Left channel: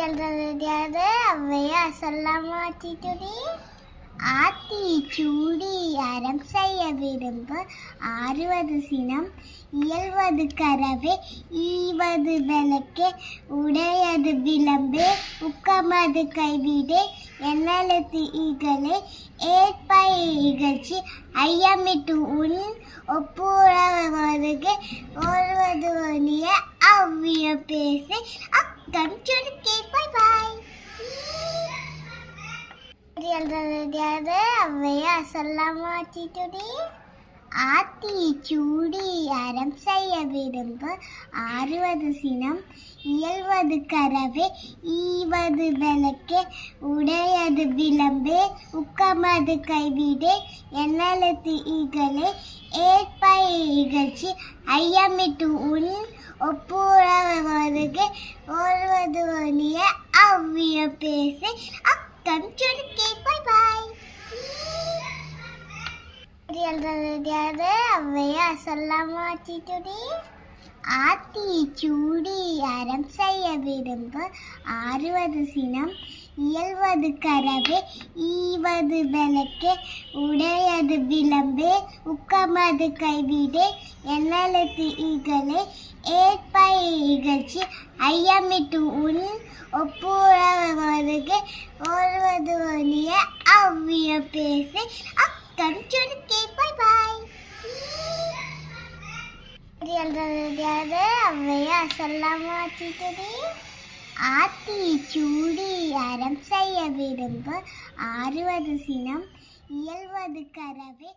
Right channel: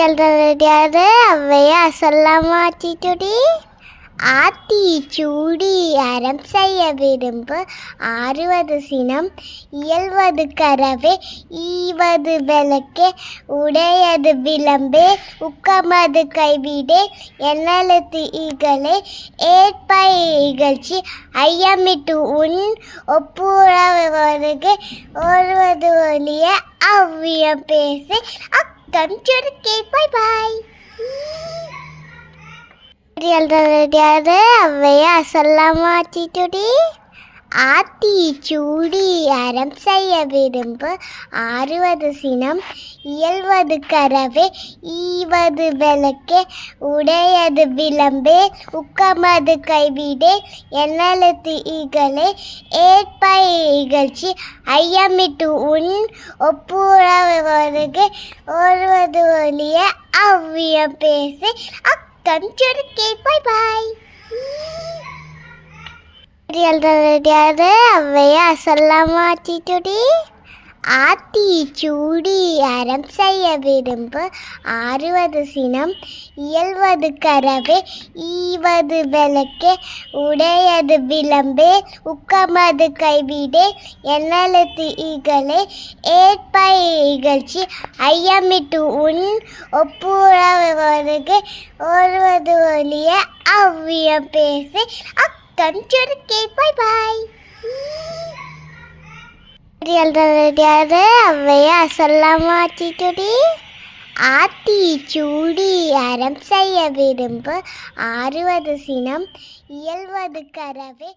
எழுதுறது அவ்வையா சொல்லாமா ஆத்திச்சுடி ஆத்தி சூடி அறம் செய்ய விரும்பு. ஆறுவது சினம் இயல்வது கரவே ஈவது விளக்கே உடையது விளம்பே. உக்கமது கைவிடே என்னெழுத்து ஈகளே ஏற்பை இகழ்ச்சி ஐயமிட்டு உன் ஒப்புறவருக்கு ஒருவது ஒளிய அவ்வியம் பேசு. அக்கம் சுருக்கே பை பாய் எழுதுறது அவ்வையா சொல்லாமா ஆத்திச்சுடி ஆத்தி சூடி அறம் செய்ய விரும்பு. ஆறுவது சினம் இயல்வது கரவே ஈவது விளக்கே உடையது விளம்பே. உக்கமது கைவிடே என்னெழுத்து இகழே. ஏற்பய இகழ்ச்சி ஐயமிட்டு உன் ஒப்பு ஒருவருக்கு ஒருவது ஒளிய அவ்விய பேசி. அக்கம் சுருக்கே பாய் பாய் எழுதுறது அவ்வையா சொல்லாமா ஆத்திச்சுடி ஆத்தி சூடி அறம் செய்ய விரும்பு. ஆறுவது சினம் இயல்வது கரவே ஈவது விளக்கே உடைய உடையது விளம்பே உக்கமது கைவிடே என்னெழுத்து ஈகளே ஏற்பய இகழ்ச்சி ஐயமிட்டு உன் ஒப்புறவருக்கு ஒருவது ஒளிய அவ்வியம் பேசி. அக்கம் சுருக்கே பாய் பாய். எழுதுறது அவ்வையா சொல்லாமா ஆத்திச்சுடி ஆத்தி சூடி அறம் செய்ய விரும்பு. ஆறுவது சினம் இயல்வது கரவே